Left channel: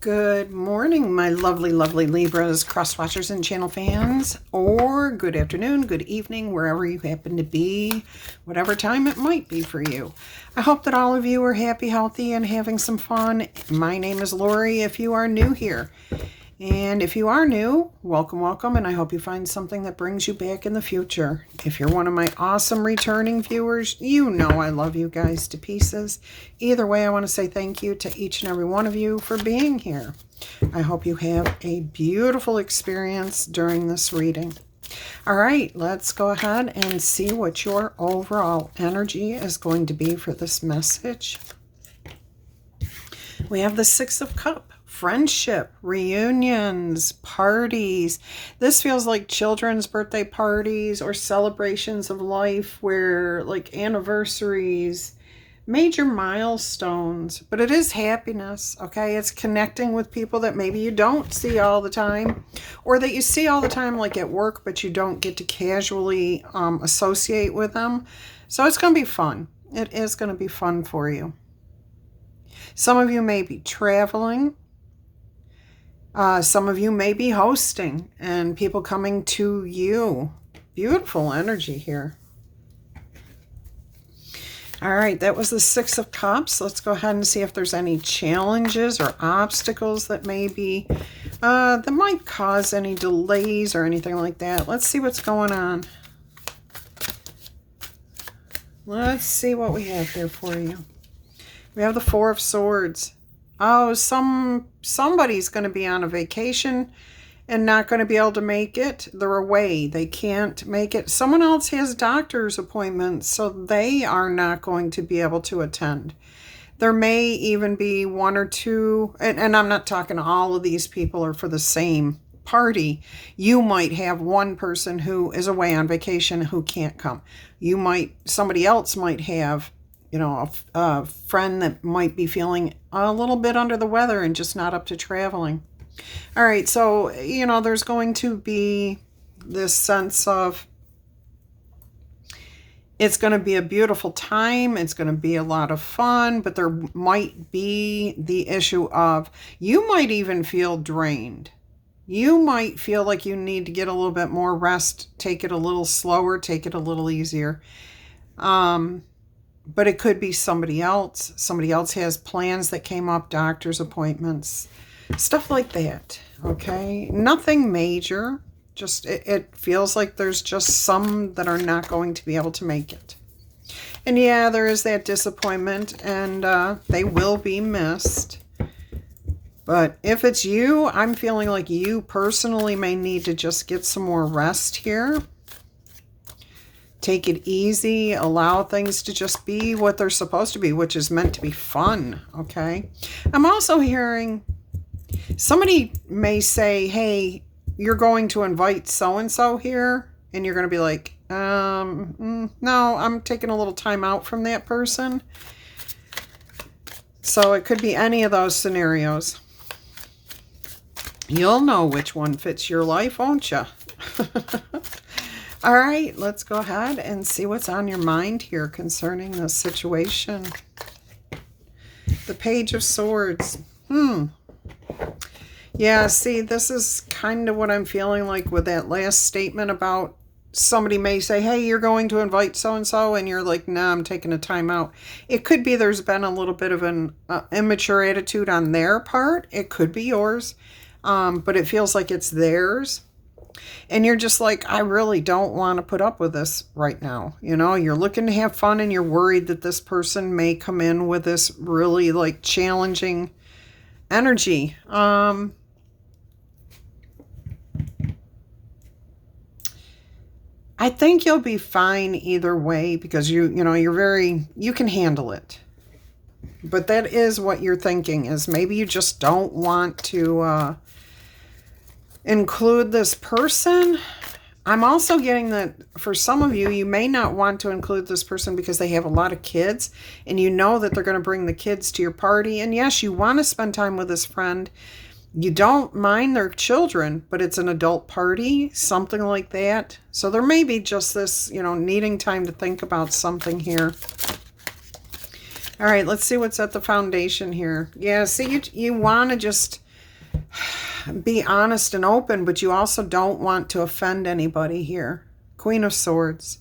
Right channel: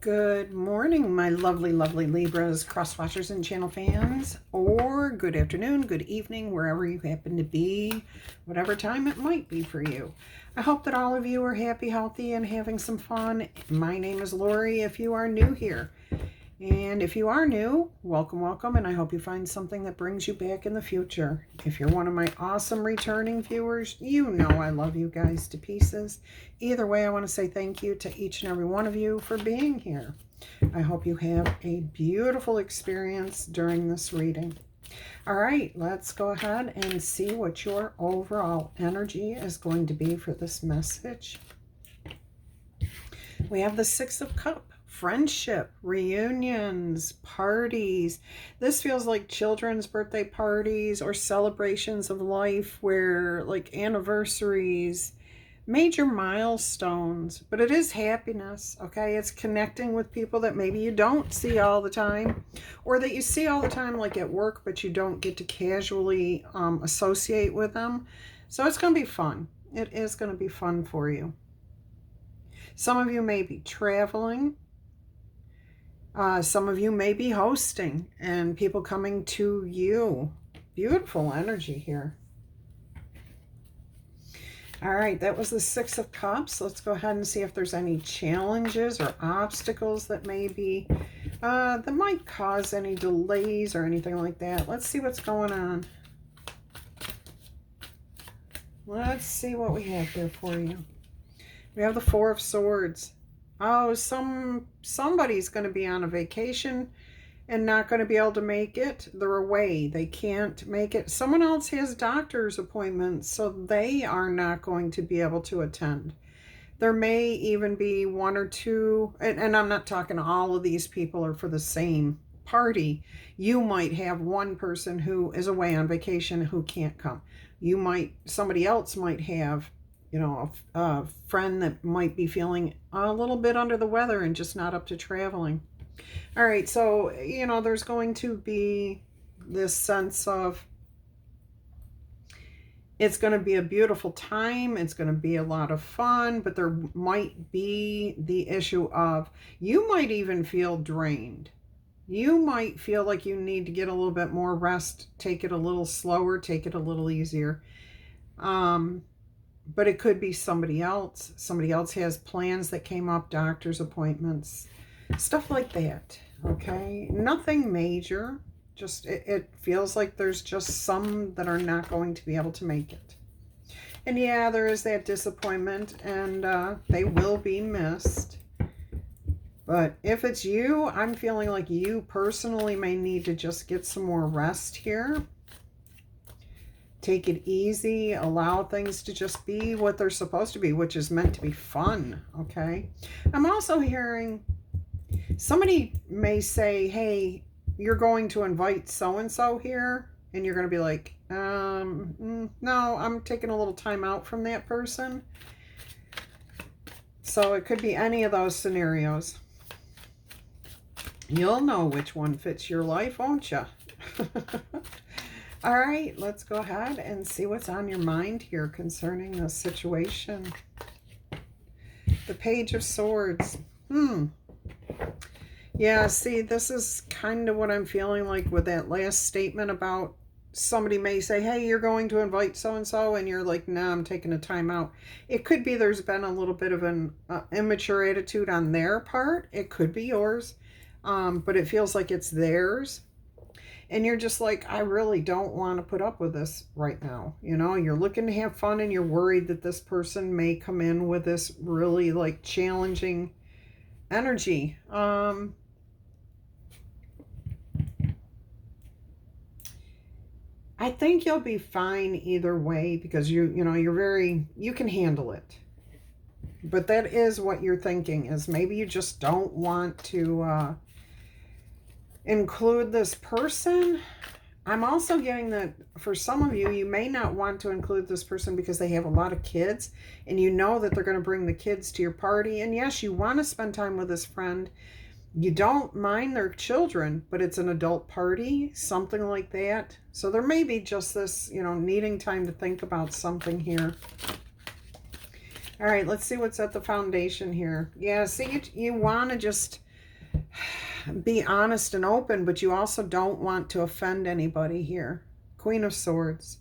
Good morning, my lovely, lovely Libras, cross watchers, and channel fans, or good afternoon, good evening, wherever you happen to be, whatever time it might be for you. I hope that all of you are happy, healthy, and having some fun. My name is Laurie if you are new here. And if you are new, welcome, welcome, and I hope you find something that brings you back in the future. If you're one of my awesome returning viewers, you know I love you guys to pieces. Either way, I want to say thank you to each and every one of you for being here. I hope you have a beautiful experience during this reading. All right, let's go ahead and see what your overall energy is going to be for this message. We have the Six of Cups. Friendship, reunions, parties. This feels like children's birthday parties or celebrations of life where like anniversaries, major milestones, but it is happiness, okay? It's connecting with people that maybe you don't see all the time or that you see all the time like at work, but you don't get to casually associate with them. So it's going to be fun. It is going to be fun for you. Some of you may be traveling. Some of you may be hosting and people coming to you. Beautiful energy here. All right, that was the Six of Cups. Let's go ahead and see if there's any challenges or obstacles that maybe that might cause any delays or anything like that. Let's see what's going on. Let's see what we have here for you. We have the Four of Swords. Oh, somebody's going to be on a vacation and not going to be able to make it. They're away. They can't make it. Someone else has doctor's appointments, so they are not going to be able to attend. There may even be one or two, and I'm not talking all of these people are for the same party. You might have one person who is away on vacation who can't come. Somebody else might have a friend that might be feeling a little bit under the weather and just not up to traveling. All right, so, there's going to be this sense of it's going to be a beautiful time. It's going to be a lot of fun, but there might be the issue of you might even feel drained. You might feel like you need to get a little bit more rest, take it a little slower, take it a little easier. But it could be somebody else. Somebody else has plans that came up, doctor's appointments, stuff like that, okay? Nothing major. Just it feels like there's just some that are not going to be able to make it. And yeah, there is that disappointment, and they will be missed. But if it's you, I'm feeling like you personally may need to just get some more rest here. Take it easy, allow things to just be what they're supposed to be, which is meant to be fun, okay? I'm also hearing somebody may say, hey, you're going to invite so-and-so here, and you're going to be like, no, I'm taking a little time out from that person. So it could be any of those scenarios. You'll know which one fits your life, won't you? All right, let's go ahead and see what's on your mind here concerning this situation. The Page of Swords. Yeah, see, this is kind of what I'm feeling like with that last statement about somebody may say, hey, you're going to invite so-and-so, and you're like, nah, I'm taking a time out. It could be there's been a little bit of an immature attitude on their part. It could be yours, but it feels like it's theirs. And you're just like, I really don't want to put up with this right now. You're looking to have fun and you're worried that this person may come in with this really like challenging energy. I think you'll be fine either way because you can handle it. But that is what you're thinking, is maybe you just don't want to include this person. I'm also getting that for some of you, you may not want to include this person because they have a lot of kids and you know that they're going to bring the kids to your party. And yes, you want to spend time with this friend. You don't mind their children, but it's an adult party, something like that. So there may be just this, needing time to think about something here. All right, let's see what's at the foundation here. Yeah, see, you want to just be honest and open, but you also don't want to offend anybody here. Queen of Swords.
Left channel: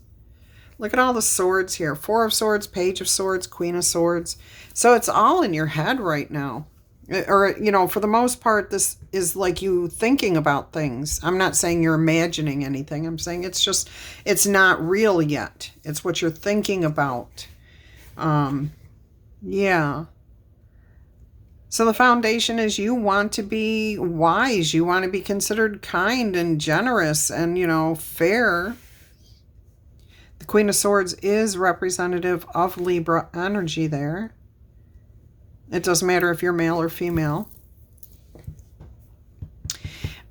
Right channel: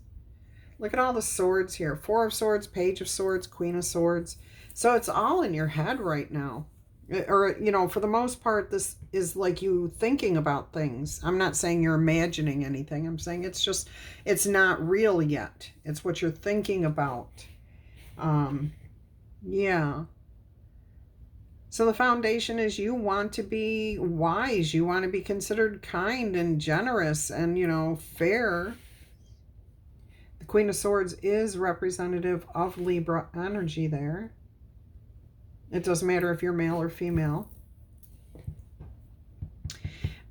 Look at all the swords here. Four of Swords, Page of Swords, Queen of Swords. So it's all in your head right now. Or, you know, for the most part, this is like you thinking about things. I'm not saying you're imagining anything. I'm saying it's just, it's not real yet. It's what you're thinking about. Yeah. So the foundation is you want to be wise. You want to be considered kind and generous and, you know, fair. The Queen of Swords is representative of Libra energy there. It doesn't matter if you're male or female.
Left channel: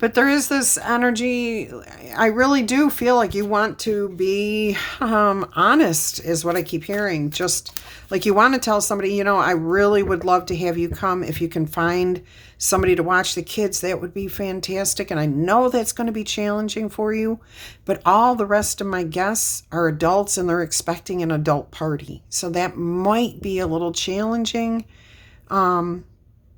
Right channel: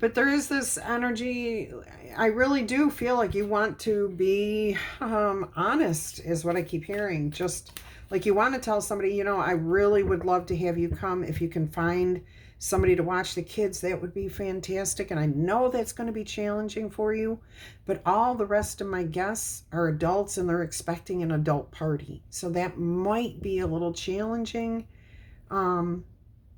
But there is this energy, I really do feel like you want to be honest, is what I keep hearing. Just like you want to tell somebody, you know, I really would love to have you come. If you can find somebody to watch the kids, that would be fantastic. And I know that's going to be challenging for you. But all the rest of my guests are adults and they're expecting an adult party. So that might be a little challenging, you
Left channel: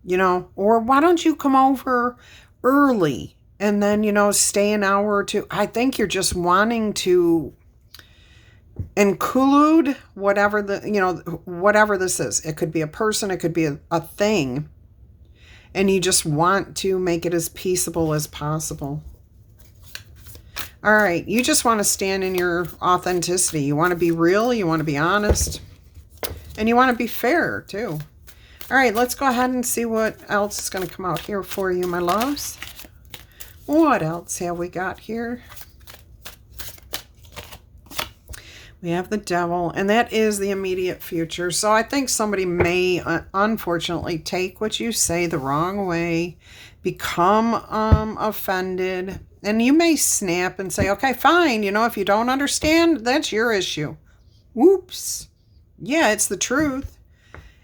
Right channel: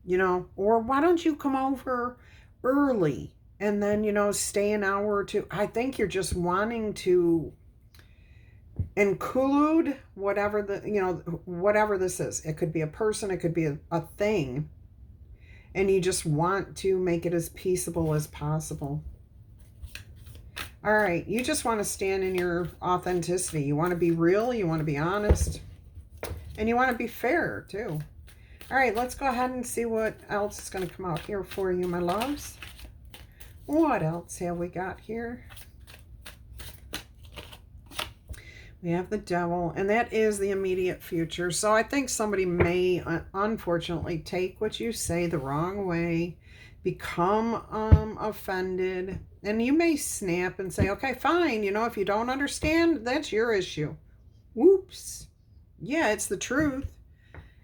know, or why don't you come over early and then, you know, stay an hour or two. I think you're just wanting to include whatever the, you know, whatever this is. It could be a person, it could be a thing. And you just want to make it as peaceable as possible. All right. You just want to stand in your authenticity. You want to be real. You want to be honest. And you want to be fair too. All right, let's go ahead and see what else is going to come out here for you, my loves. What else have we got here? We have the Devil, and that is the immediate future. So I think somebody may, unfortunately, take what you say the wrong way, become offended, and you may snap and say, okay, fine, you know, if you don't understand, that's your issue. Whoops. Yeah, it's the truth.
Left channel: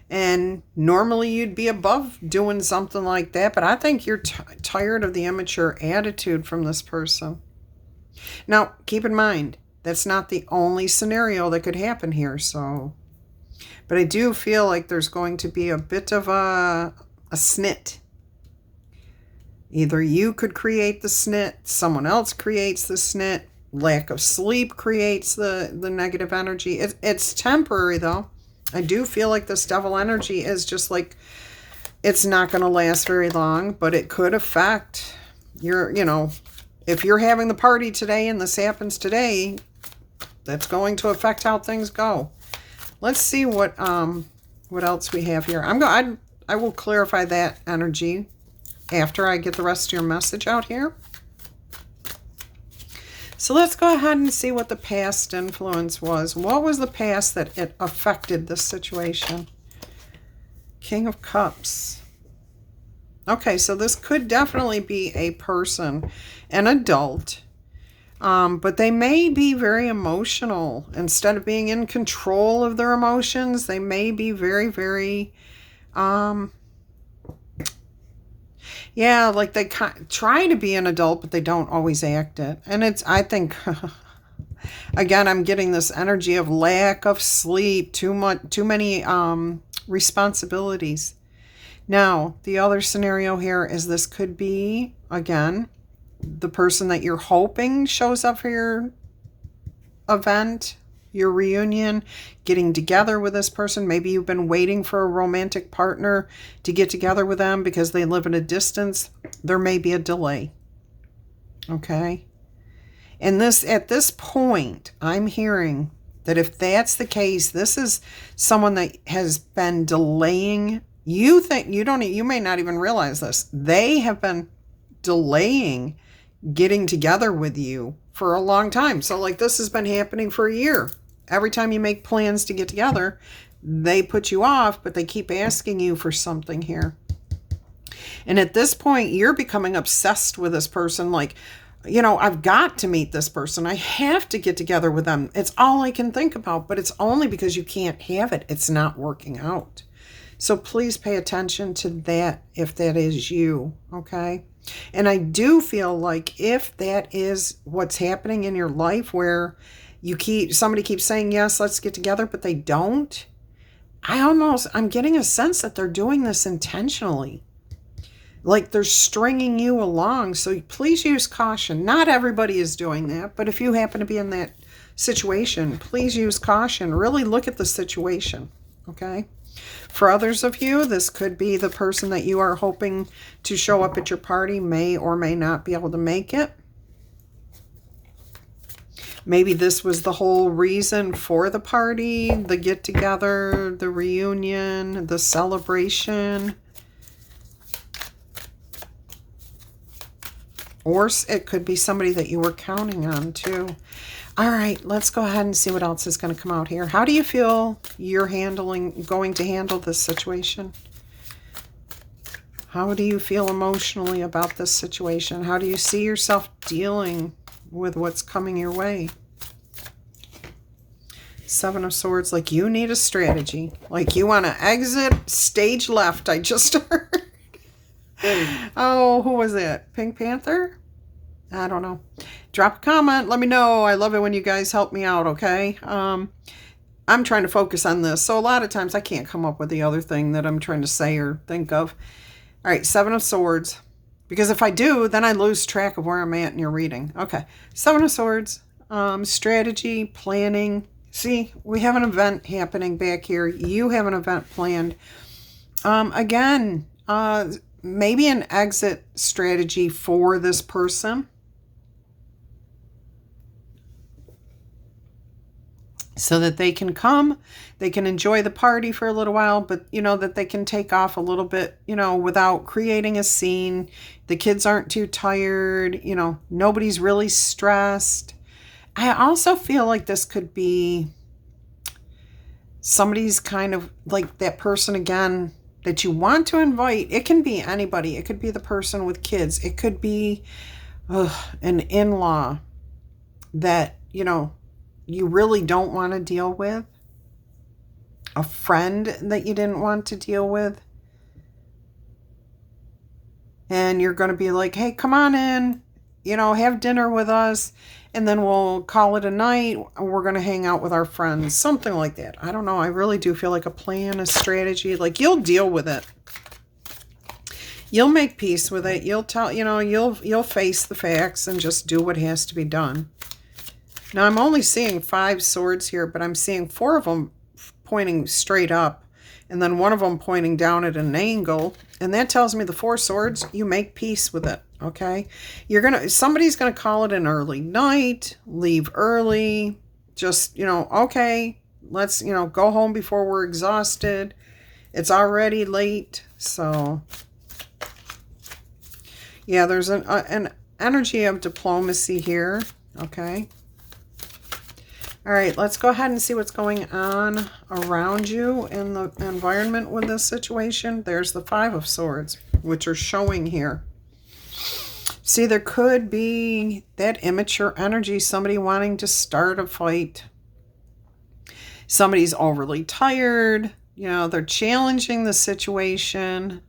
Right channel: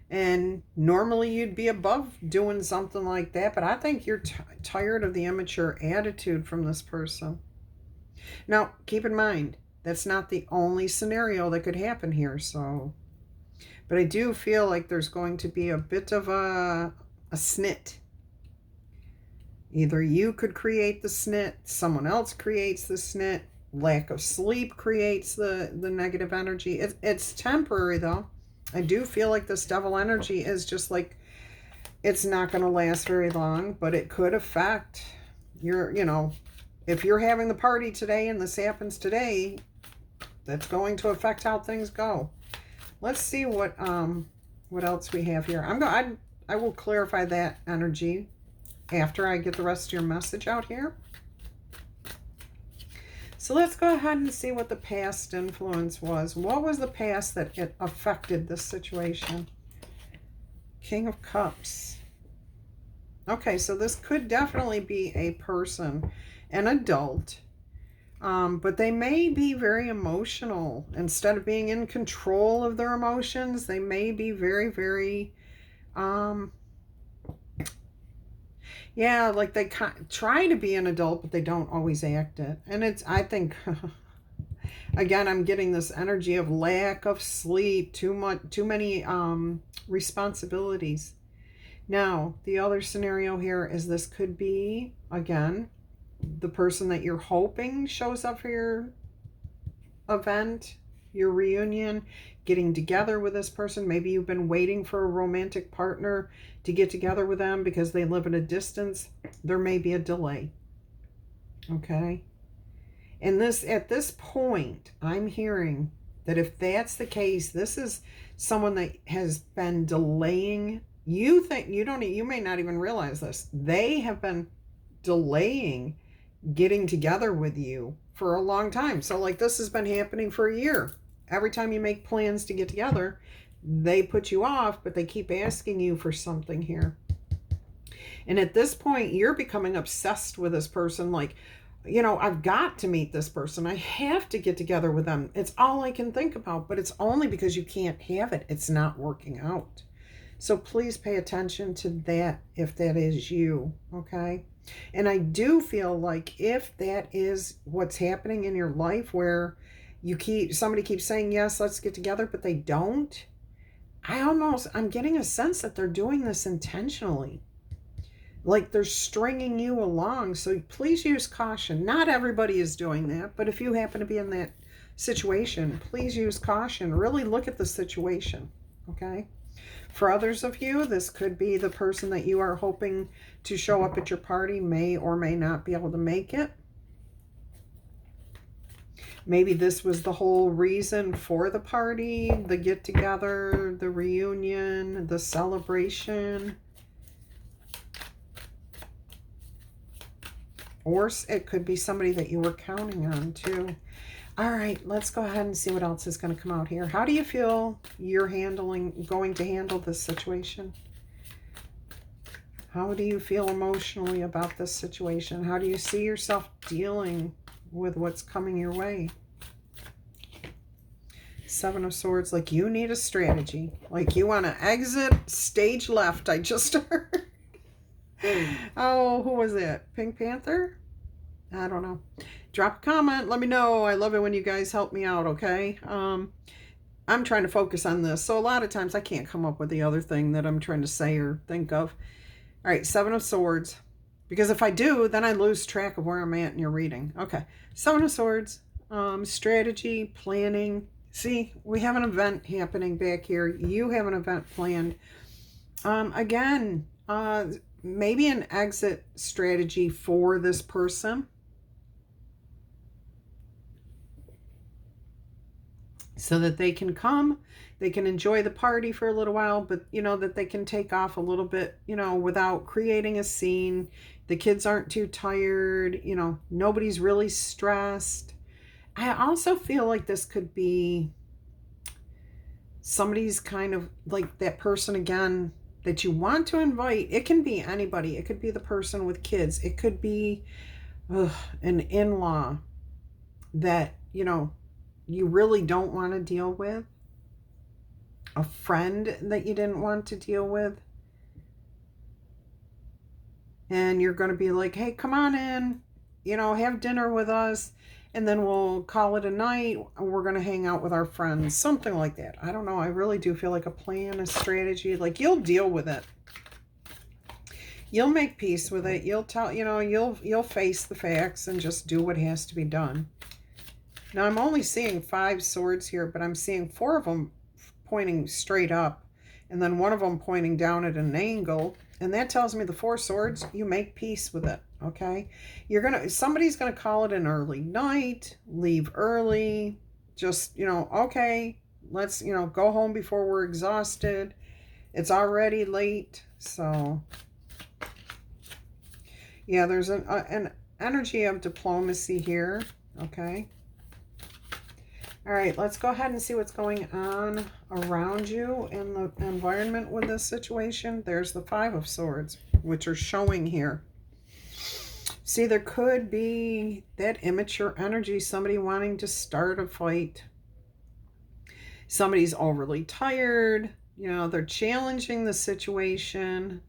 And normally you'd be above doing something like that, but I think you're tired of the immature attitude from this person. Now, keep in mind, that's not the only scenario that could happen here. So, but I do feel like there's going to be a bit of a snit. Either you could create the snit, someone else creates the snit, lack of sleep creates the negative energy. It's temporary though. I do feel like this Devil energy is just like, it's not going to last very long, but it could affect your, you know, if you're having the party today and this happens today, that's going to affect how things go. Let's see what else we have here. I will clarify that energy after I get the rest of your message out here. So let's go ahead and see what the past influence was. What was the past that it affected this situation? King of Cups. Okay, so this could definitely be a person, an adult, but they may be very emotional. Instead of being in control of their emotions, they may be very, very, yeah, like they try to be an adult, but they don't always act it. And it's, I think, again, I'm getting this energy of lack of sleep, too many responsibilities. Now, the other scenario here is this could be, again, the person that you're hoping shows up for your event, your reunion, getting together with this person. Maybe you've been waiting for a romantic partner to get together with them because they live at a distance. There may be a delay. Okay? And this, at this point, I'm hearing that if that's the case, this is someone that has been delaying. You may not even realize this. They have been delaying getting together with you for a long time. So like this has been happening for a year. Every time you make plans to get together, they put you off, but they keep asking you for something here. And at this point, you're becoming obsessed with this person. Like, you know, I've got to meet this person. I have to get together with them. It's all I can think about, but it's only because you can't have it. It's not working out. So please pay attention to that if that is you, okay? And I do feel like if that is what's happening in your life where somebody keeps saying, yes, let's get together, but they don't, I'm getting a sense that they're doing this intentionally. like they're stringing you along. So please use caution. Not everybody is doing that, but if you happen to be in that situation, please use caution. Really look at the situation, okay? For others of you, this could be the person that you are hoping to show up at your party may or may not be able to make it. Maybe this was the whole reason for the party, the get-together, the reunion, the celebration. Or it could be somebody that you were counting on too. All right, let's go ahead and see what else is going to come out here. How do you feel you're going to handle this situation? How do you feel emotionally about this situation? How do you see yourself dealing with what's coming your way? Seven of Swords, like you need a strategy. Like you want to exit stage left, I just heard. Oh, who was it? Pink Panther? I don't know. Drop a comment. Let me know. I love it when you guys help me out, okay? I'm trying to focus on this. So a lot of times I can't come up with the other thing that I'm trying to say or think of. All right, Seven of Swords. Because if I do, then I lose track of where I'm at in your reading. Okay, Seven of Swords. Strategy, planning. See, we have an event happening back here. You have an event planned. Again, maybe an exit strategy for this person. So that they can come, they can enjoy the party for a little while, but, you know, that they can take off a little bit, you know, without creating a scene. The kids aren't too tired, you know, nobody's really stressed. I also feel like this could be somebody's kind of like that person again that you want to invite. It can be anybody. It could be the person with kids. It could be an in-law that, you know, you really don't want to deal with. A friend that you didn't want to deal with. And you're going to be like, hey, come on in, you know, have dinner with us. And then we'll call it a night. We're going to hang out with our friends. Something like that. I don't know. I really do feel like a plan, a strategy. Like you'll deal with it. You'll make peace with it. You'll tell, you know, you'll face the facts and just do what has to be done. Now, I'm only seeing 5 swords here, but I'm seeing 4 of them pointing straight up, and then 1 of them pointing down at an angle. And that tells me the 4 swords, you make peace with it, okay? Somebody's going to call it an early night, leave early, just, you know, okay, let's, you know, go home before we're exhausted. It's already late, so... Yeah, there's an energy of diplomacy here, okay? All right, let's go ahead and see what's going on around you in the environment with this situation. There's the 5 of Swords, which are showing here. See, there could be that immature energy, somebody wanting to start a fight. Somebody's overly tired. You know, they're challenging the situation.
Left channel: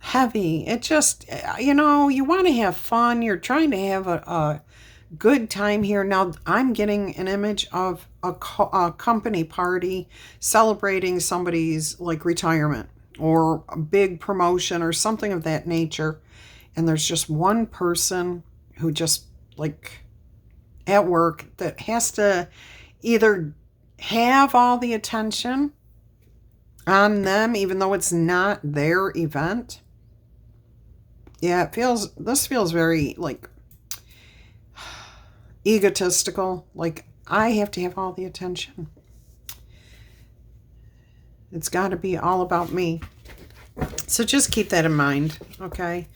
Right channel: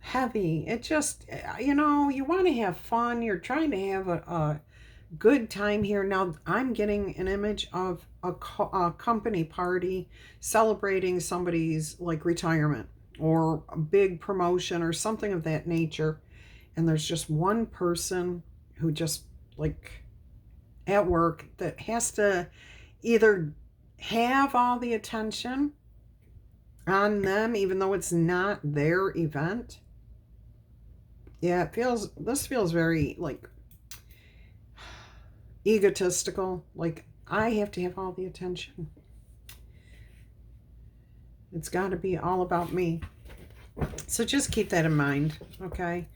Heavy. It just, you know, you want to have fun. You're trying to have a good time here. Now, I'm getting an image of a company party celebrating somebody's like retirement or a big promotion or something of that nature. And there's just one person who just like at work that has to either have all the attention on them, even though it's not their event. Yeah, this feels very, like, egotistical. Like, I have to have all the attention. It's got to be all about me. So just keep that in mind, okay?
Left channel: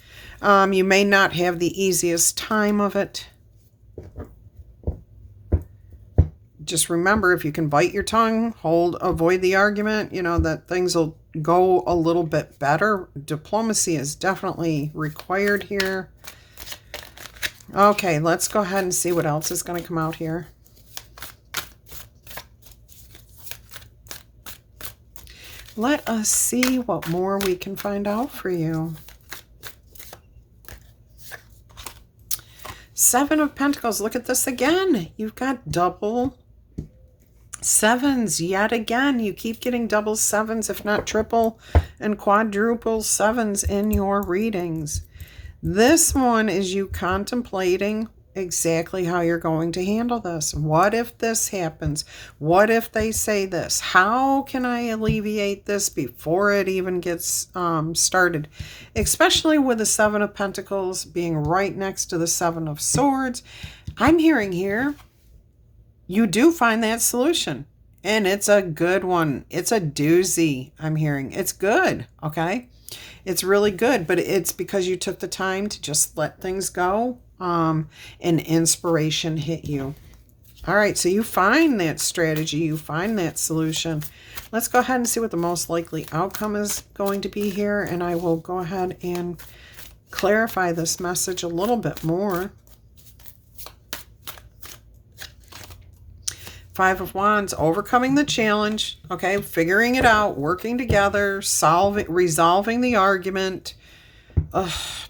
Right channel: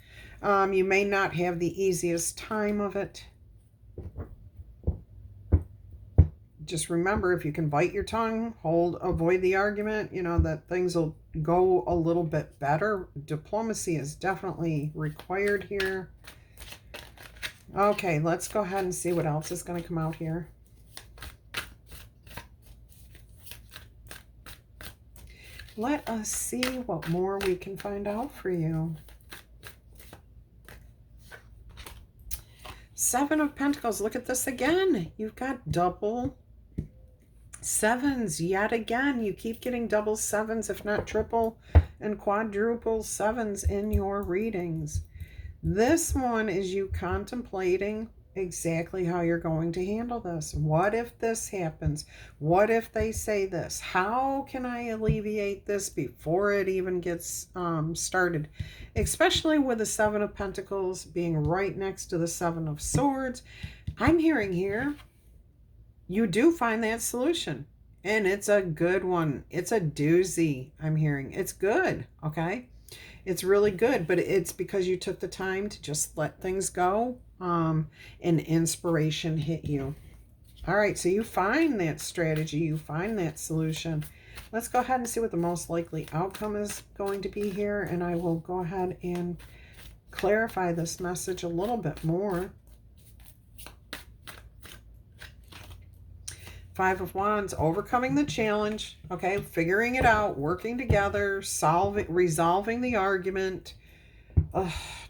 You may not have the easiest time of it. Just remember, if you can bite your tongue, avoid the argument, you know, that things will go a little bit better. Diplomacy is definitely required here. Okay, let's go ahead and see what else is going to come out here. Let us see what more we can find out for you. 7 of Pentacles. Look at this again. You've got double Sevens, yet again, you keep getting double sevens, if not triple and quadruple sevens in your readings. This one is you contemplating exactly how you're going to handle this. What if this happens? What if they say this? How can I alleviate this before it even gets started? Especially with the Seven of Pentacles being right next to the Seven of Swords. I'm hearing here, you do find that solution. And it's a good one. It's a doozy, I'm hearing. It's good, okay? It's really good, but it's because you took the time to just let things go, and inspiration hit you. All right, so you find that strategy, you find that solution. Let's go ahead and see what the most likely outcome is going to be here, and I will go ahead and clarify this message a little bit more. Five of Wands, overcoming the challenge, okay, figuring it out, working together, resolving the argument,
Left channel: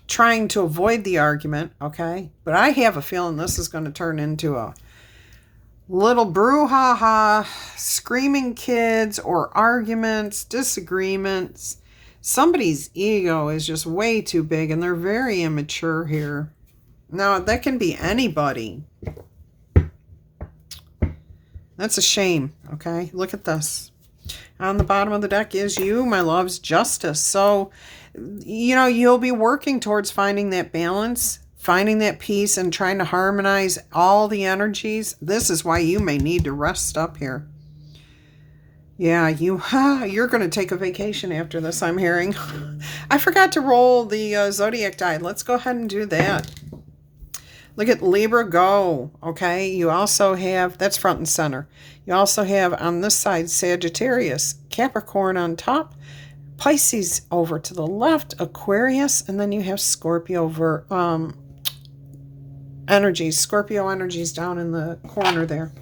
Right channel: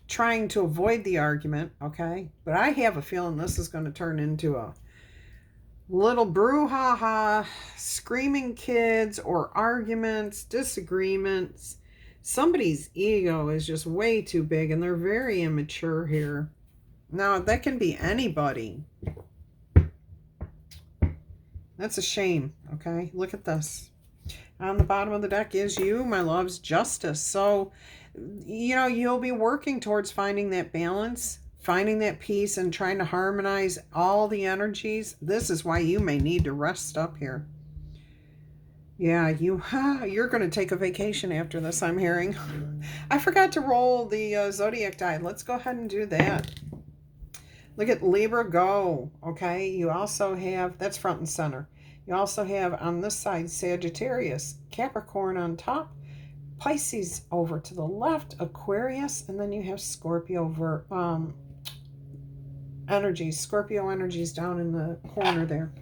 trying to avoid the argument, okay? But I have a feeling this is going to turn into a little brouhaha, screaming kids, or arguments, disagreements. Somebody's ego is just way too big, and they're very immature here. Now, that can be anybody. That's a shame, okay? Look at this. On the bottom of the deck is you, my love's justice. So, you know, you'll be working towards finding that balance, finding that peace, and trying to harmonize all the energies. This is why you may need to rest up here. Yeah, you're going to take a vacation after this, I'm hearing. I forgot to roll the zodiac die. Let's go ahead and do that. Look at Libra, go, okay? You also have, that's front and center. You also have on this side Sagittarius, Capricorn on top, Pisces over to the left, Aquarius, and then you have Scorpio over energies. Scorpio energies down in the corner there.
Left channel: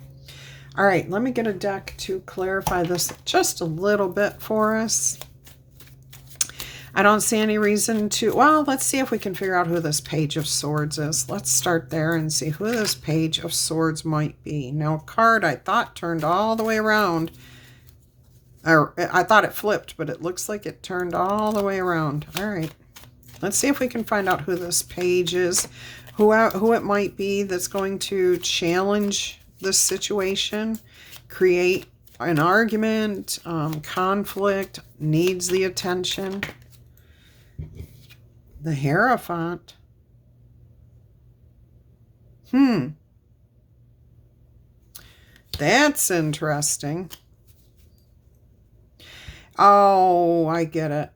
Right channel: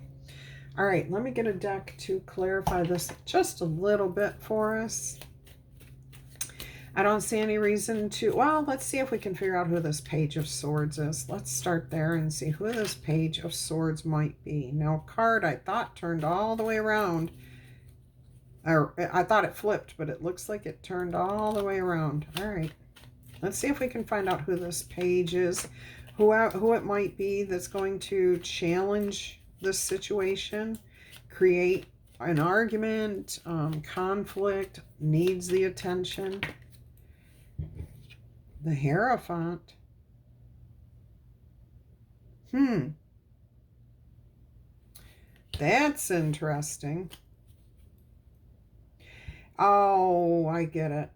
All right, let me get a deck to clarify this just a little bit for us. I don't see any reason to, well, let's see if we can figure out who this Page of Swords is. Let's start there and see who this Page of Swords might be. Now, a card I thought turned all the way around. Or I thought it flipped, but it looks like it turned all the way around. All right. Let's see if we can find out who this page is, who it might be that's going to challenge this situation, create an argument, conflict, needs the attention. The Hierophant. That's interesting. Oh, I get it.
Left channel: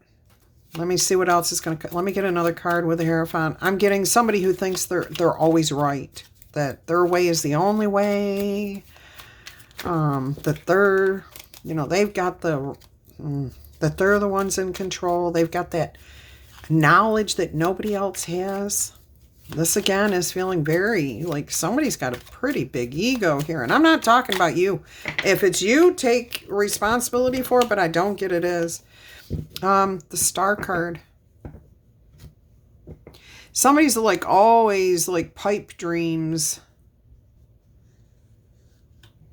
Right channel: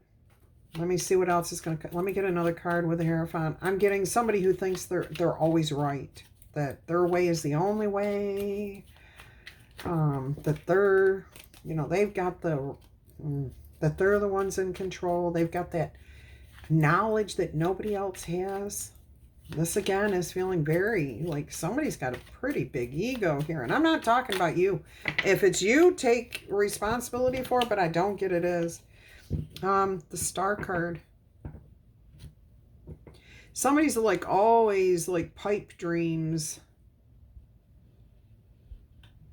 Let me see what else is going to... Let me get another card with the Hierophant. I'm getting somebody who thinks they're always right. That their way is the only way. That they're... You know, they've got the... that they're the ones in control. They've got that knowledge that nobody else has. This again is feeling very like somebody's got a pretty big ego here. And I'm not talking about you. If it's you, take responsibility for it, but I don't get it is. The Star card. Somebody's like always like pipe dreams.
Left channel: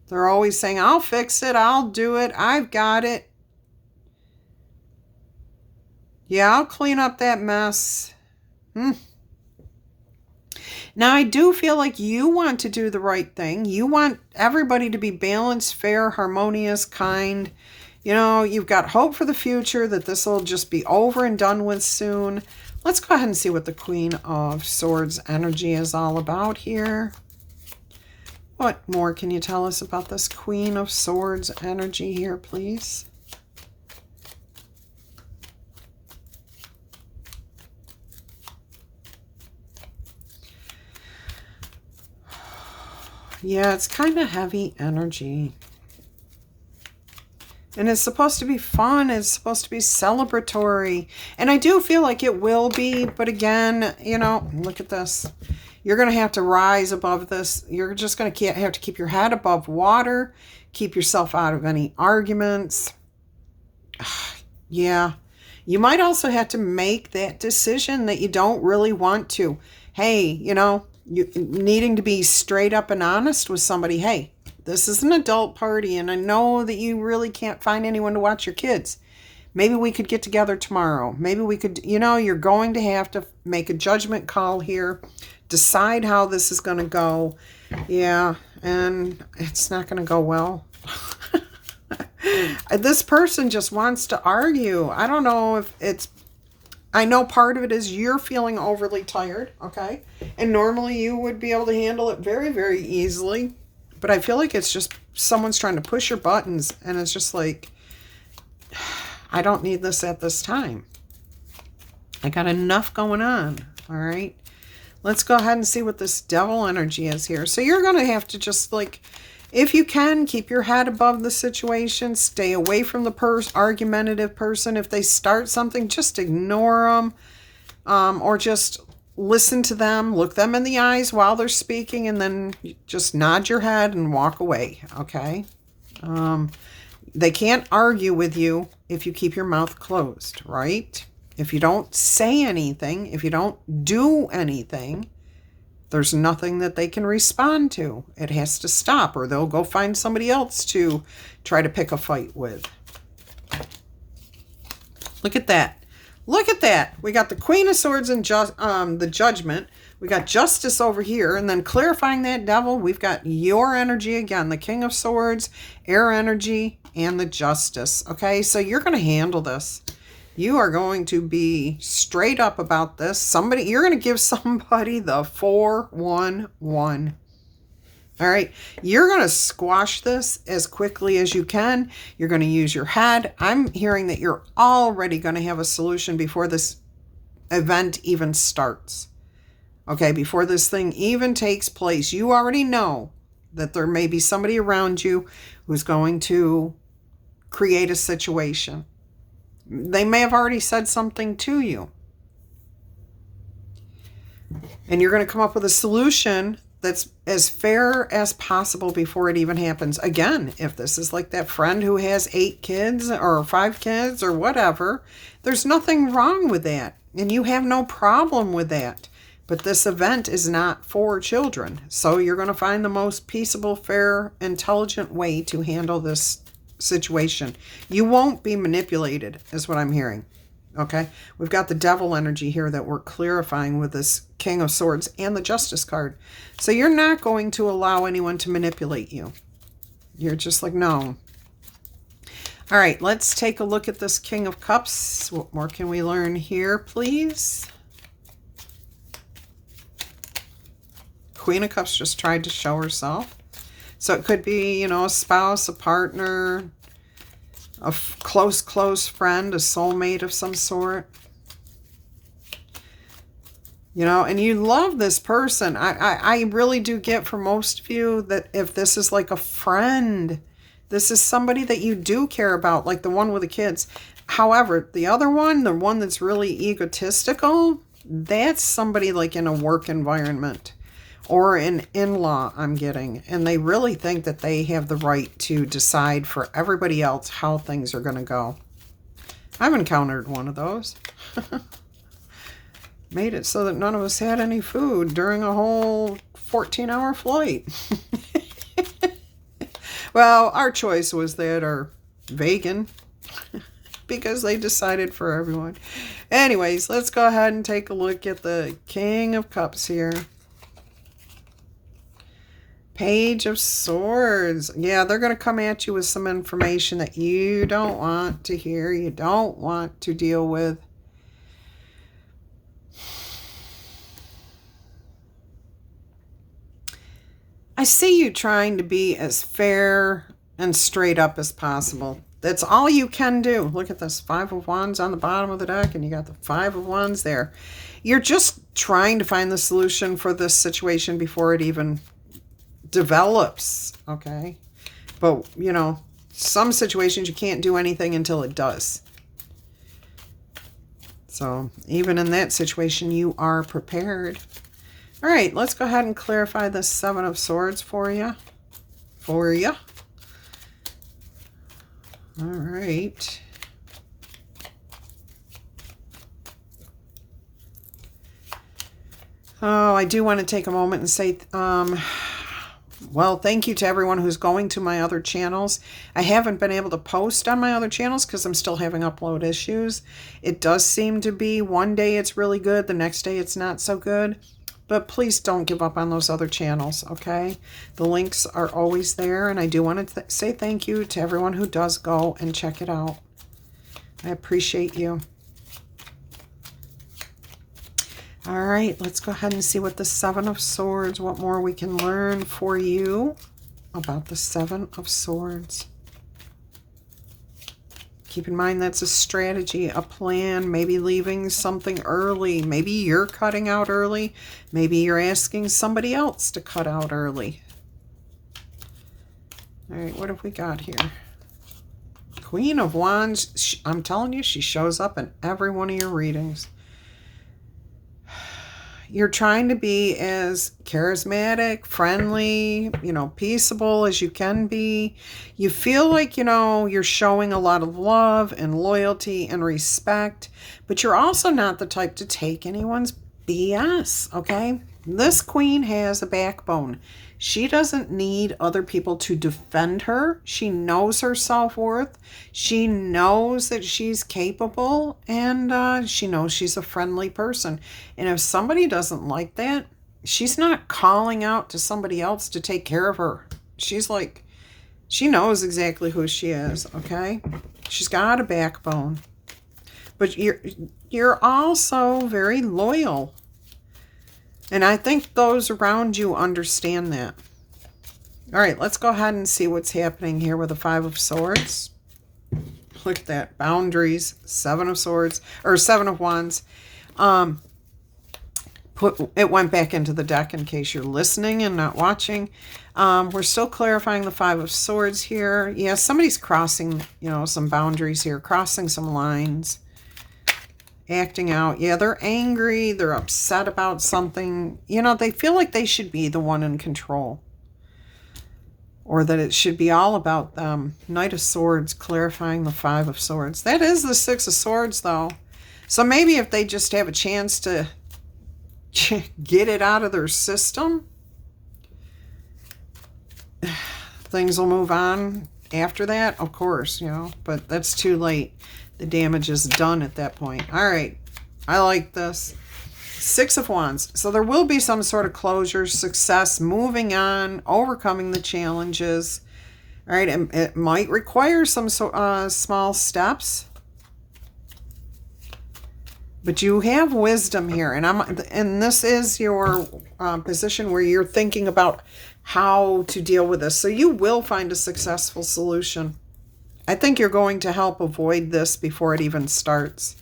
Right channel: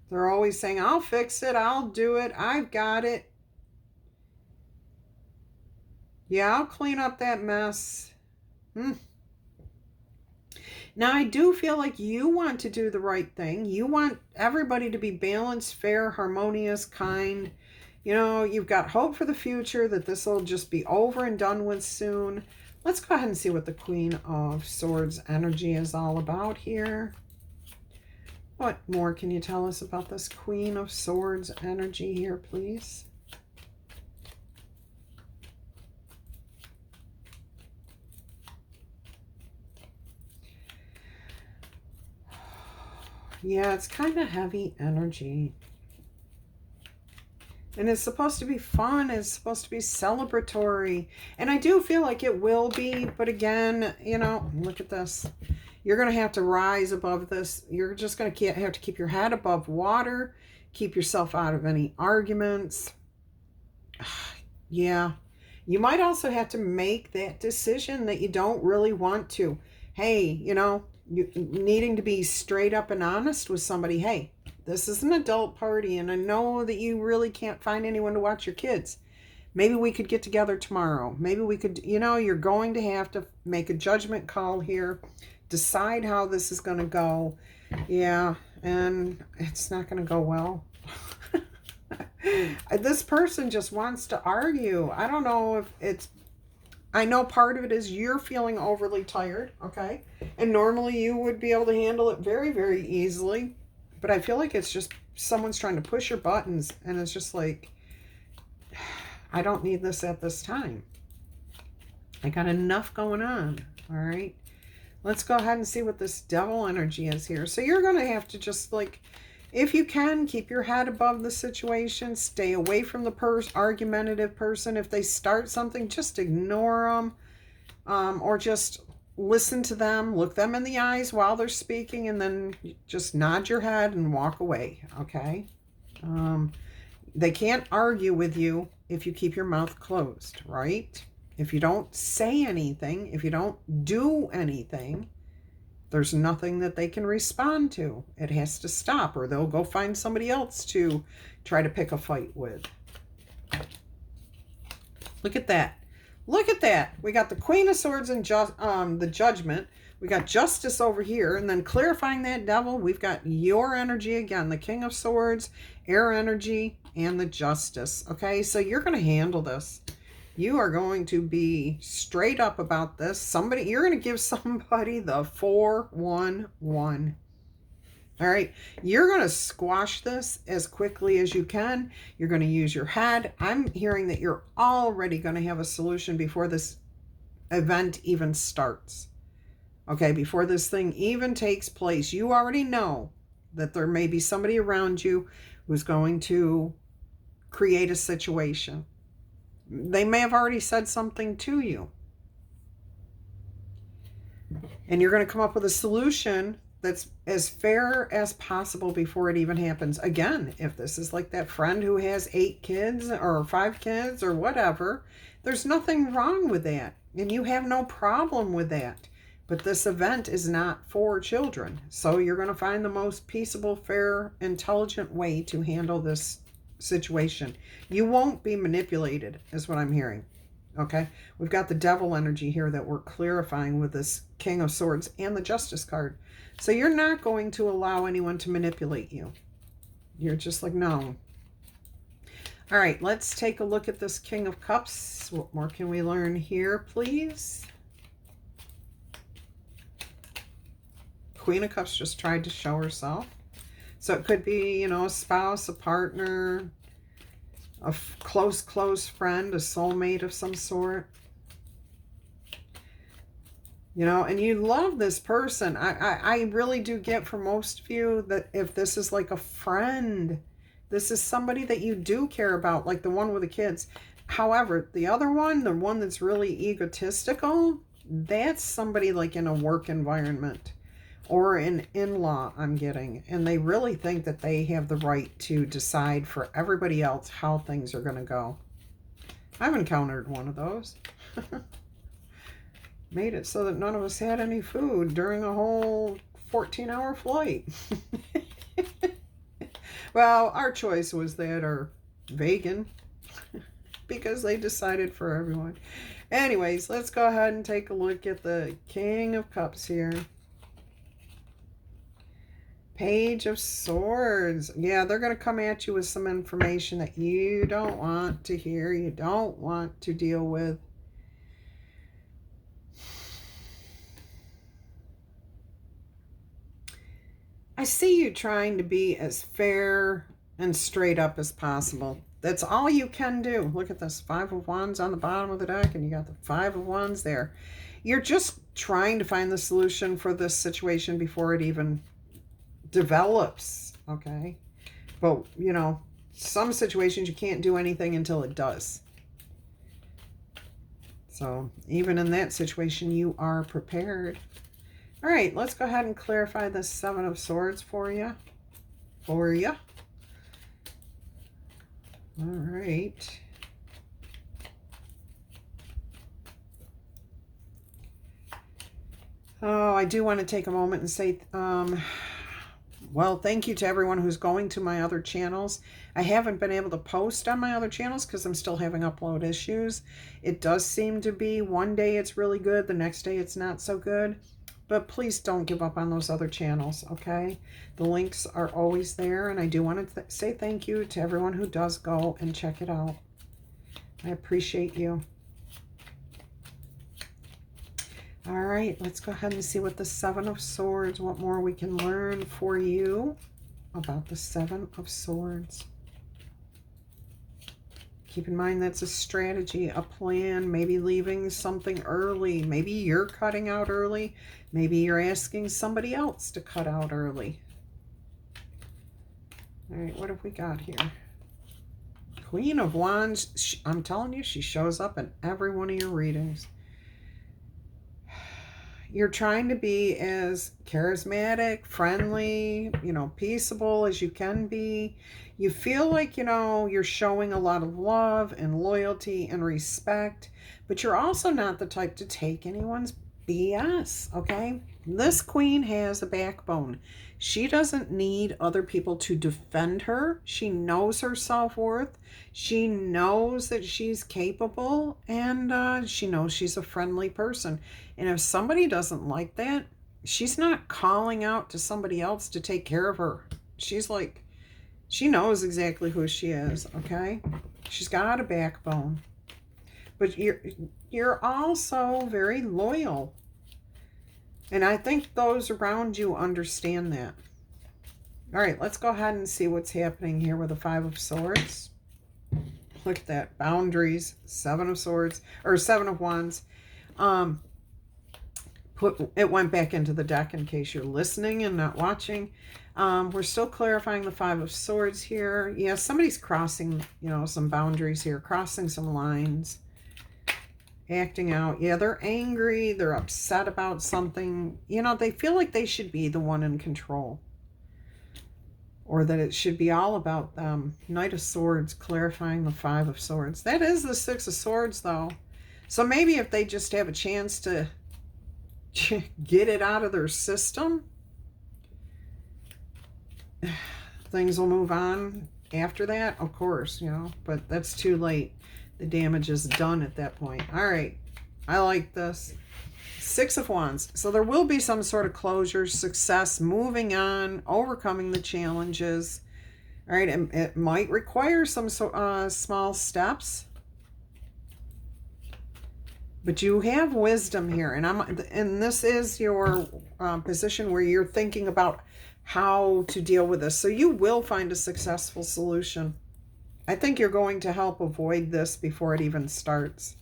They're always saying, I'll fix it. I'll do it. I've got it. Yeah, I'll clean up that mess. Now, I do feel like you want to do the right thing. You want everybody to be balanced, fair, harmonious, kind. You know, you've got hope for the future that this will just be over and done with soon. Let's go ahead and see what the Queen of Swords energy is all about here. What more can you tell us about this Queen of Swords energy here, please? Yeah, it's kind of heavy energy. And it's supposed to be fun. It's supposed to be celebratory. And I do feel like it will be. But again, you know, look at this. You're going to have to rise above this. You're just going to have to keep your head above water. Keep yourself out of any arguments. Yeah. You might also have to make that decision that you don't really want to. Hey, you know, you needing to be straight up and honest with somebody. Hey, This is an adult party, and I know that you really can't find anyone to watch your kids. Maybe we could get together tomorrow. Maybe we could, you're going to have to make a judgment call here, decide how this is going to go. Yeah, and it's not going to go well. This person just wants to argue. I don't know if I know part of it is you're feeling overly tired, okay? And normally you would be able to handle it very, very easily. But I feel like it's just someone's trying to push your buttons, and it's just like, I don't need this at this time. I got enough going on, all right? Let's go ahead and see what this devil energy is here. So you're going to have to just, like, if you can, keep your head above the situation. Stay away from the argumentative person. If they start something, just ignore them, or just listen to them. Look them in the eyes while they're speaking, and then just nod your head and walk away, okay? They can't argue with you if you keep your mouth closed, right? If you don't say anything, if you don't do anything, there's nothing that they can respond to. It has to stop, or they'll go find somebody else to try to pick a fight with. Look at that. Look at that. We got the Queen of Swords and the Judgment. We got Justice over here. And then clarifying that devil, we've got your energy again. The King of Swords, air energy, and the Justice. Okay, so you're going to handle this. You are going to be straight up about this. You're going to give somebody the 411. All right, you're going to squash this as quickly as you can. You're going to use your head. I'm hearing that you're already going to have a solution before this event even starts. Okay, before this thing even takes place, you already know that there may be somebody around you who's going to create a situation. They may have already said something to you. And you're going to come up with a solution that's as fair as possible before it even happens. Again, if this is like that friend who has 8 kids or 5 kids or whatever, there's nothing wrong with that. And you have no problem with that. But this event is not for children. So you're going to find the most peaceable, fair, intelligent way to handle this situation. You won't be manipulated, is what I'm hearing. Okay? We've got the devil energy here that we're clarifying with this King of Swords and the Justice card. So you're not going to allow anyone to manipulate you. You're just like, no. All right, let's take a look at this King of Cups. What more can we learn here, please? Queen of Cups just tried to show herself. So it could be, a spouse, a partner, a close friend, a soulmate of some sort. And you love this person. I really do get for most of you that if this is like a friend, this is somebody that you do care about, like the one with the kids. However, the other one, the one that's really egotistical, that's somebody like in a work environment. Or an in-law, I'm getting. And they really think that they have the right to decide for everybody else how things are going to go. I've encountered one of those. Made it so that none of us had any food during a whole 14-hour flight. Well, our choice was that or vegan. Because they decided for everyone. Anyways, let's go ahead and take a look at the King of Cups here. Page of Swords. Yeah, they're going to come at you with some information that you don't want to hear. You don't want to deal with. I see you trying to be as fair and straight up as possible. That's all you can do. Look at this 5 of Wands on the bottom of the deck, and you got the 5 of Wands there. You're just trying to find the solution for this situation before it even develops, okay? But, some situations you can't do anything until it does. So, even in that situation, you are prepared. All right, let's go ahead and clarify the 7 of Swords for you. All right. Oh, I do want to take a moment and say, Well, thank you to everyone who's going to my other channels. I haven't been able to post on my other channels because I'm still having upload issues. It does seem to be one day it's really good, the next day it's not so good. But please don't give up on those other channels, okay? The links are always there, and I do want to say thank you to everyone who does go and check it out. I appreciate you. All right, let's go ahead and see what the Seven of Swords, what more we can learn for you about the Seven of Swords. Keep in mind that's a strategy, a plan, maybe leaving something early. Maybe you're cutting out early. Maybe you're asking somebody else to cut out early. All right, what have we got here? Queen of Wands. I'm telling you, she shows up in every one of your readings. You're trying to be as charismatic, friendly, peaceable as you can be. You feel like, you're showing a lot of love and loyalty and respect, but you're also not the type to take anyone's BS, okay? This queen has a backbone. She doesn't need other people to defend her. She knows her self-worth. She knows that she's capable, and she knows she's a friendly person. And if somebody doesn't like that, she's not calling out to somebody else to take care of her. She's like, she knows exactly who she is, okay? She's got a backbone. But you're also very loyal. And I think those around you understand that. All right, let's go ahead and see what's happening here with the Five of Swords. Look at that. Boundaries, Seven of Swords, or Seven of Wands. It went back into the deck in case you're listening and not watching. We're still clarifying the Five of Swords here. Yeah, somebody's crossing, some boundaries here, crossing some lines. Acting out. Yeah, they're angry. They're upset about something. They feel like they should be the one in control. Or that it should be all about them. Knight of Swords, clarifying the Five of Swords. That is the Six of Swords, though. So maybe if they just have a chance to get it out of their system, things will move on after that, of course, but that's too late. The damage is done at that point. All right. I like this. Six of Wands. So there will be some sort of closure, success, moving on, overcoming the challenges. All right. And it might require some small steps. But you have wisdom here. And this is your position where you're thinking about how to deal with this. So you will find a successful solution. I think you're going to help avoid this before it even starts.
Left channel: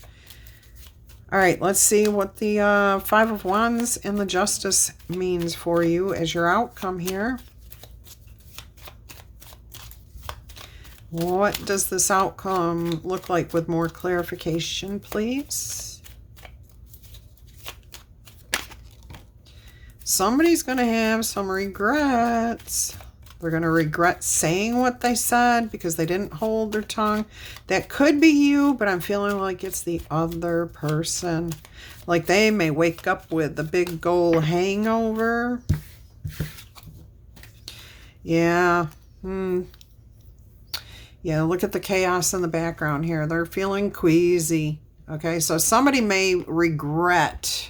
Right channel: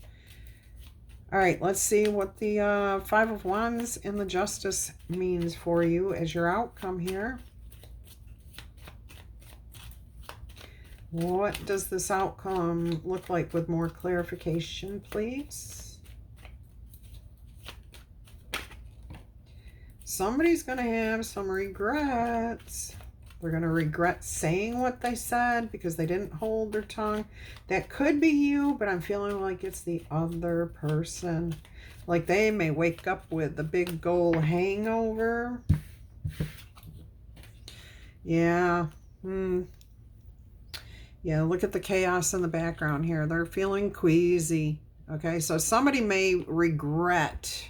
All right, let's see what the Five of Wands and the Justice means for you as your outcome here. What does this outcome look like with more clarification, please? Somebody's going to have some regrets. They're going to regret saying what they said because they didn't hold their tongue. That could be you, but I'm feeling like it's the other person. Like they may wake up with a big goal hangover. Yeah. Yeah, look at the chaos in the background here. They're feeling queasy. Okay, so somebody may regret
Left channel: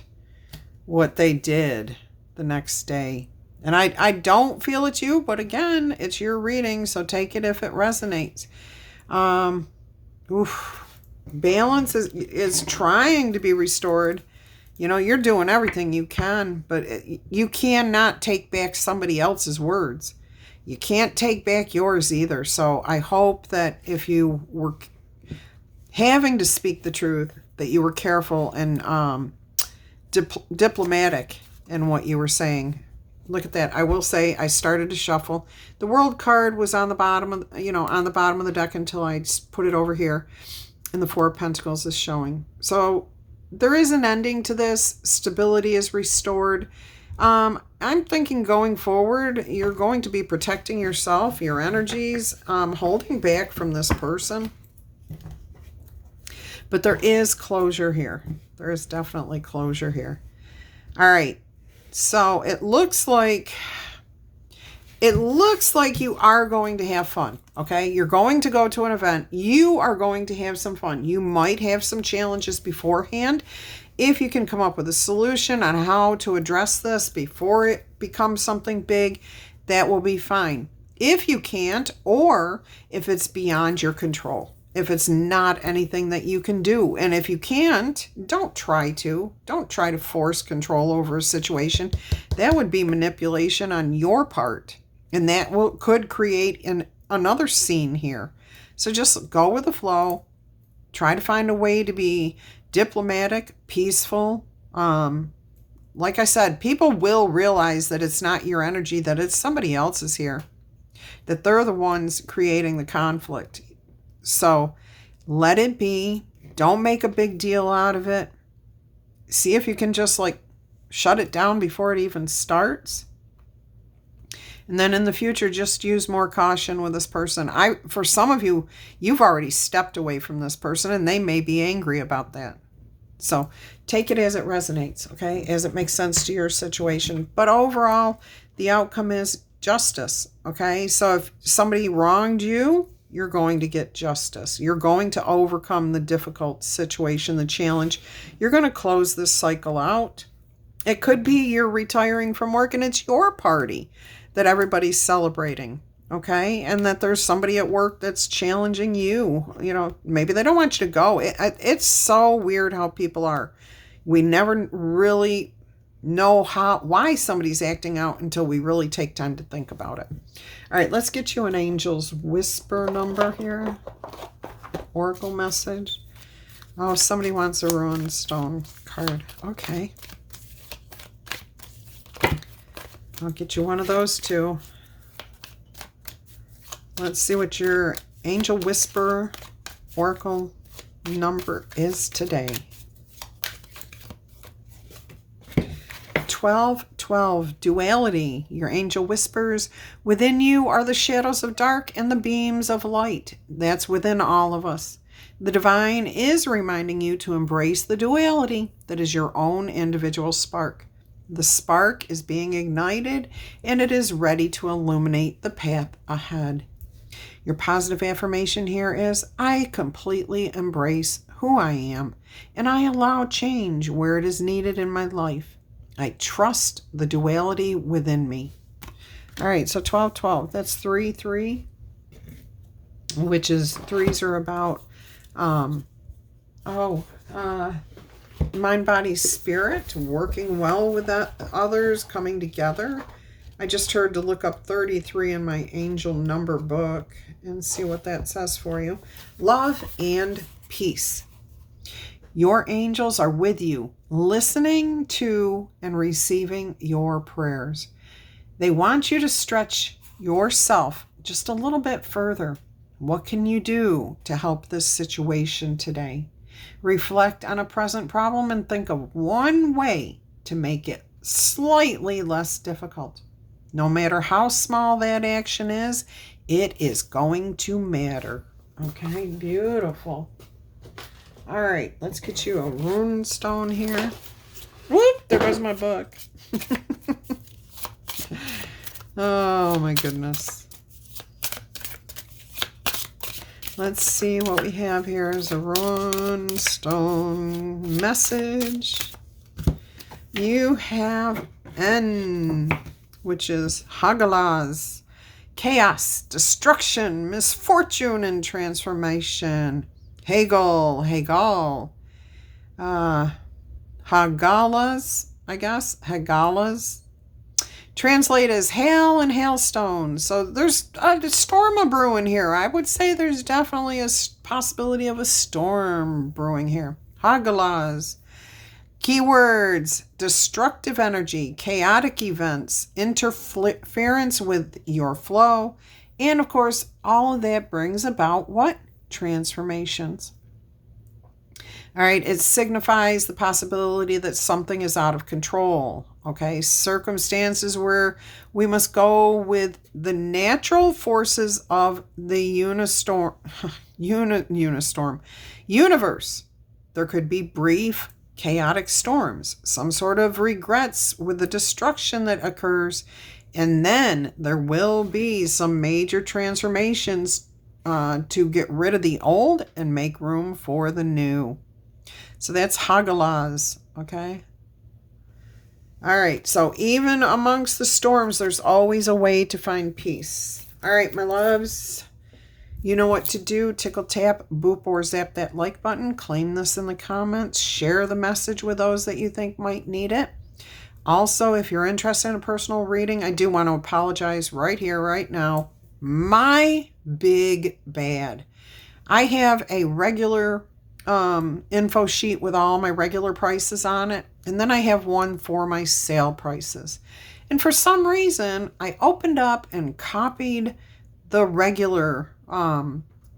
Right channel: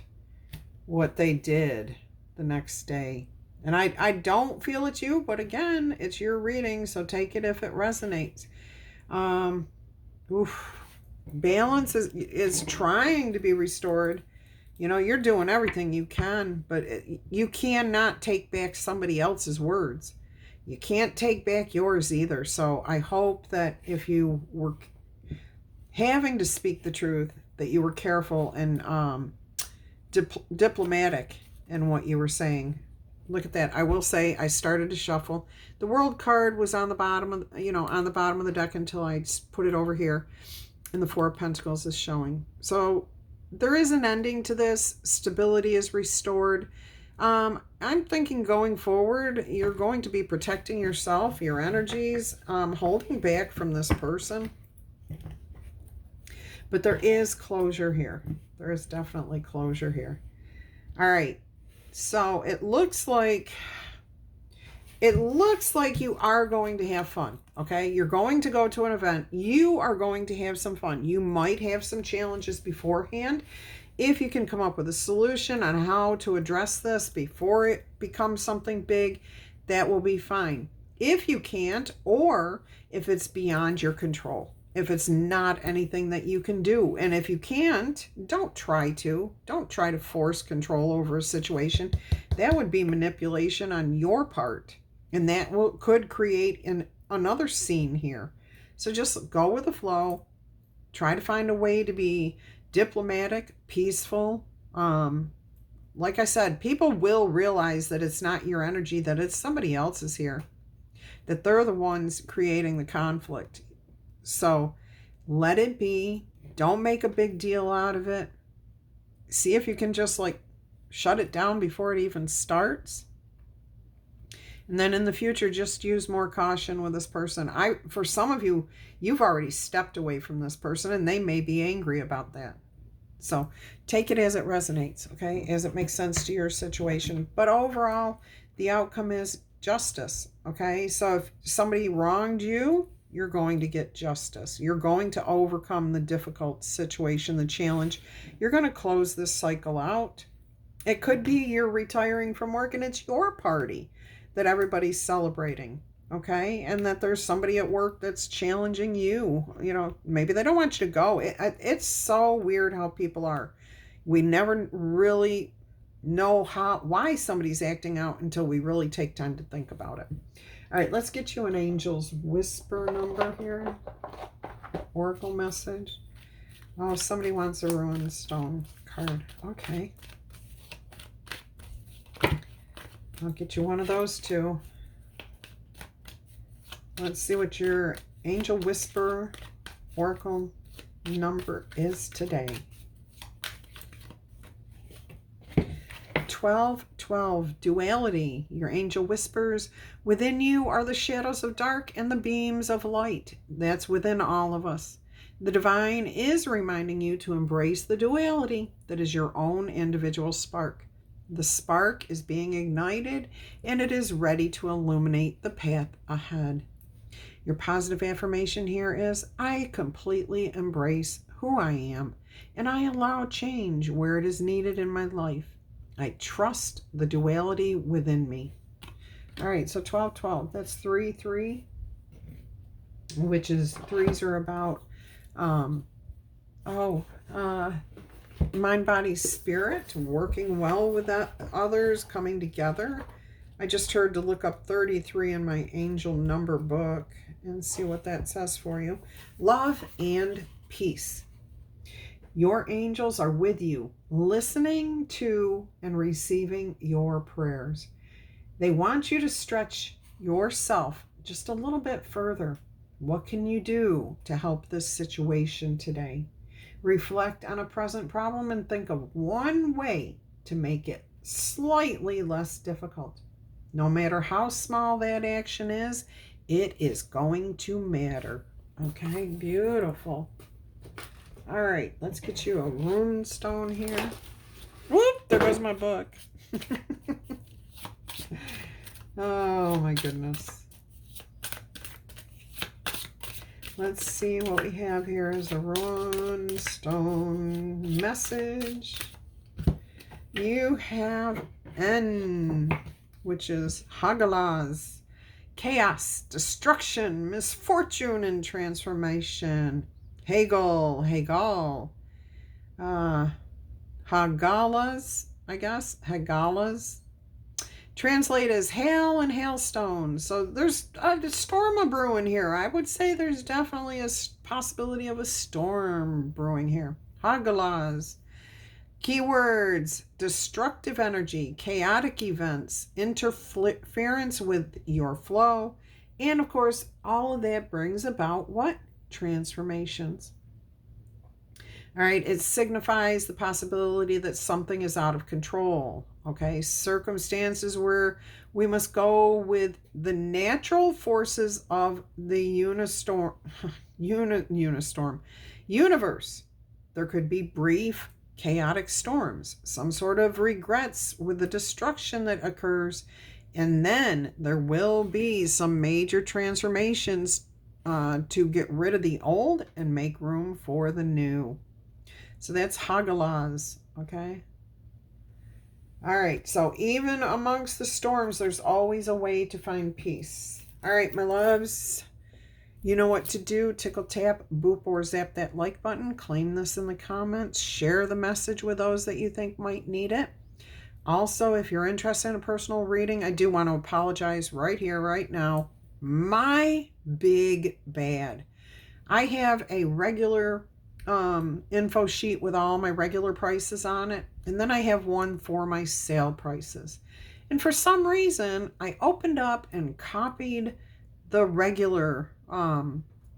what they did the next day. And I don't feel it's you, but again, it's your reading, so take it if it resonates. Balance is trying to be restored. You're doing everything you can, but you cannot take back somebody else's words. You can't take back yours either. So I hope that if you were having to speak the truth, that you were careful and diplomatic in what you were saying. Look at that. I will say I started to shuffle. The World card was on the bottom of, on the bottom of the deck until I just put it over here. And the Four of Pentacles is showing. So there is an ending to this. Stability is restored. I'm thinking going forward, you're going to be protecting yourself, your energies, holding back from this person. But there is closure here. There is definitely closure here. All right. So it looks like it looks like you are going to have fun, okay? You're going to go to an event. You are going to have some fun. You might have some challenges beforehand. If you can come up with a solution on how to address this before it becomes something big, that will be fine. If you can't, or if it's beyond your control, if it's not anything that you can do, and if you can't, don't try to force control over a situation. That would be manipulation on your part, and that could create another scene here. So just go with the flow. Try to find a way to be diplomatic, peaceful. Like I said, people will realize that it's not your energy, that it's somebody else's here, that they're the ones creating the conflict. So let it be. Don't make a big deal out of it. See if you can just like shut it down before it even starts. And then in the future, just use more caution with this person. For some of you, you've already stepped away from this person and they may be angry about that. So take it as it resonates, okay? As it makes sense to your situation. But overall, the outcome is justice, okay? So if somebody wronged you, you're going to get justice. You're going to overcome the difficult situation, the challenge. You're going to close this cycle out. It could be you're retiring from work and it's your party that everybody's celebrating, okay? And that there's somebody at work that's challenging you. You know, maybe they don't want you to go. It's so weird how people are. We never really know why somebody's acting out until we really take time to think about it. All right, let's get you an Angel's Whisper number here. Oracle message. Oh, somebody wants a Ruined Stone card. Okay. I'll get you one of those too. Let's see what your Angel Whisper Oracle number is today. 1212, duality. Your angel whispers, within you are the shadows of dark and the beams of light. That's within all of us. The divine is reminding you to embrace the duality that is your own individual spark. The spark is being ignited and it is ready to illuminate the path ahead. Your positive affirmation here is, I completely embrace who I am and I allow change where it is needed in my life. I trust the duality within me. All right, so 1212, that's 3-3, which is threes are about, mind, body, spirit, working well with others, coming together. I just heard to look up 33 in my angel number book and see what that says for you. Love and peace. Your angels are with you, listening to and receiving your prayers. They want you to stretch yourself just a little bit further. What can you do to help this situation today? Reflect on a present problem and think of one way to make it slightly less difficult. No matter how small that action is, it is going to matter. Okay, beautiful. All right, let's get you a rune stone here. Whoop, there goes my book. Oh my goodness. Let's see what we have here is a rune stone message. You have N, which is Hagalaz, chaos, destruction, misfortune, and transformation. Hagal, Hagalas, I guess, Hagalas. Translate as hail and hailstones. So there's a storm of brewing here. I would say there's definitely a possibility of a storm brewing here. Hagalas. Keywords, destructive energy, chaotic events, interference with your flow, and of course, all of that brings about what? Transformations. All right, it signifies the possibility that something is out of control. Okay, circumstances where we must go with the natural forces of the universe. There could be brief, chaotic storms, some sort of regrets with the destruction that occurs, And then there will be some major transformations to get rid of the old and make room for the new. So that's Hagalaz, okay? All right, so even amongst the storms, there's always a way to find peace. All right, my loves, you know what to do. Tickle, tap, boop, or zap that like button. Claim this in the comments. Share the message with those that you think might need it. Also, if you're interested in a personal reading, I do want to apologize right here, right now. My big bad. I have a regular info sheet with all my regular prices on it. And then I have one for my sale prices. And for some reason, I opened up and copied the regular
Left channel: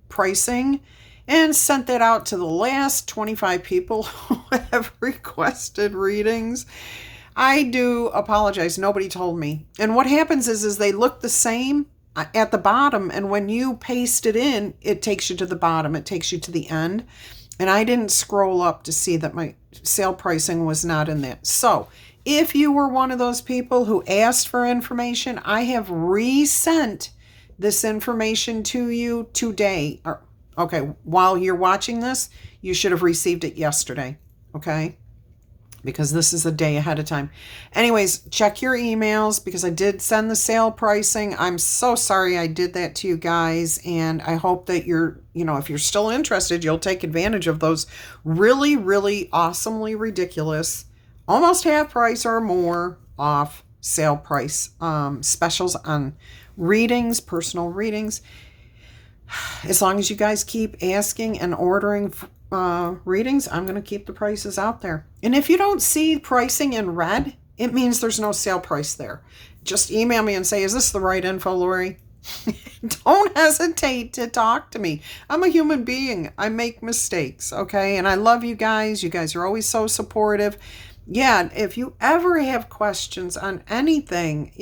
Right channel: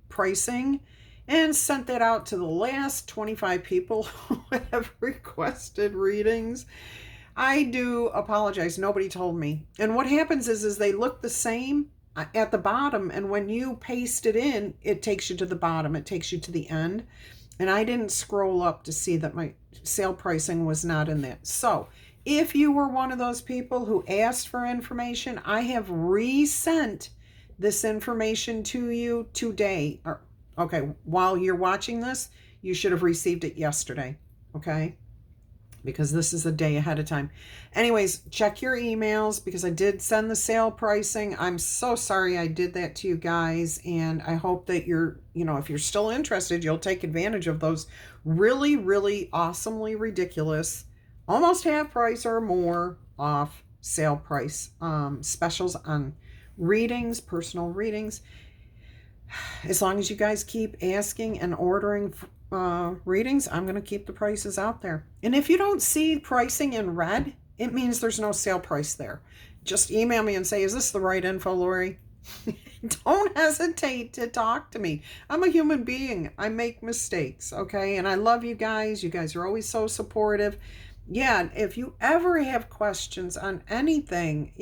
pricing and sent that out to the last 25 people who have requested readings. I do apologize. Nobody told me. And what happens is they look the same at the bottom. And when you paste it in, it takes you to the bottom. It takes you to the end. And I didn't scroll up to see that my sale pricing was not in there. So if you were one of those people who asked for information, I have resent this information to you today. Okay, while you're watching this, you should have received it yesterday. Okay? Because this is a day ahead of time. Anyways, check your emails because I did send the sale pricing. I'm so sorry I did that to you guys. And I hope that if you're still interested, you'll take advantage of those really, really awesomely ridiculous, almost half price or more off sale price specials on readings, personal readings. As long as you guys keep asking and ordering readings, I'm going to keep the prices out there. And if you don't see pricing in red, it means there's no sale price there. Just email me and say, is this the right info, Laurie? Don't hesitate to talk to me. I'm a human being. I make mistakes, okay? And I love you guys. You guys are always so supportive. Yeah, if you ever have questions on anything,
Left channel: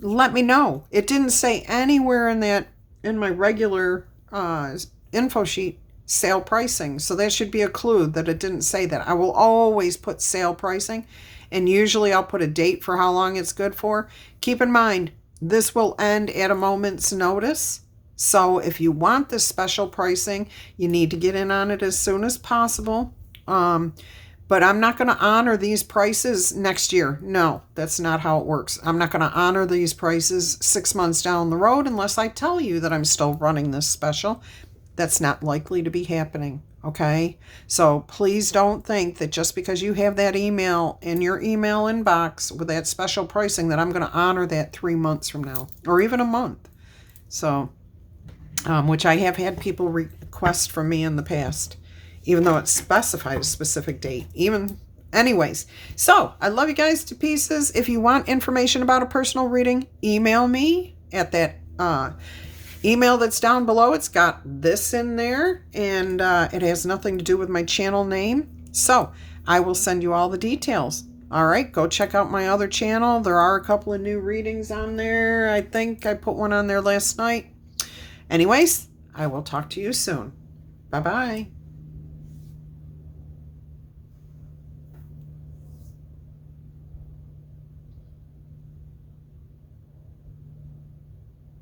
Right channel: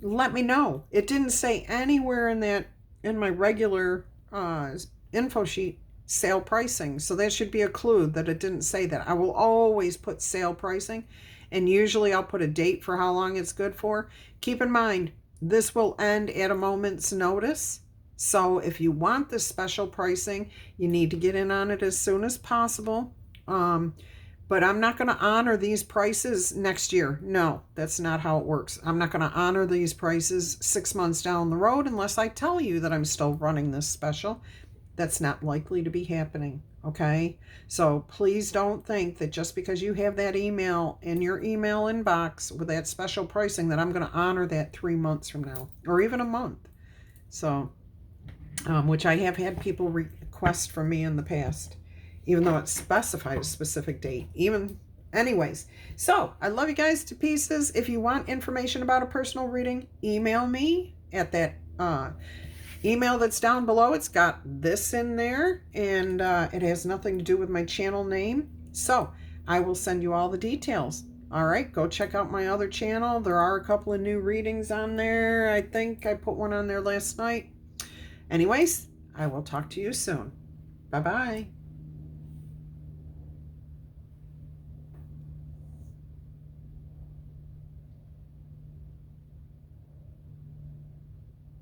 let me know. It didn't say anywhere in my regular info sheet sale pricing. So that should be a clue that it didn't say that. I will always put sale pricing, and usually I'll put a date for how long it's good for. Keep in mind, this will end at a moment's notice. So if you want this special pricing, you need to get in on it as soon as possible. But I'm not going to honor these prices next year. No, that's not how it works. I'm not going to honor these prices 6 months down the road unless I tell you that I'm still running this special. That's not likely to be happening, okay? So please don't think that just because you have that email in your email inbox with that special pricing that I'm going to honor that 3 months from now or even a month. So, which I have had people request from me in the past, even though it's specified a specific date. Anyways, so I love you guys to pieces. If you want information about a personal reading, email me at that email that's down below. It's got this in there, and it has nothing to do with my channel name. So I will send you all the details. All right, go check out my other channel. There are a couple of new readings on there. I think I put one on there last night. Anyways, I will talk to you soon. Bye-bye.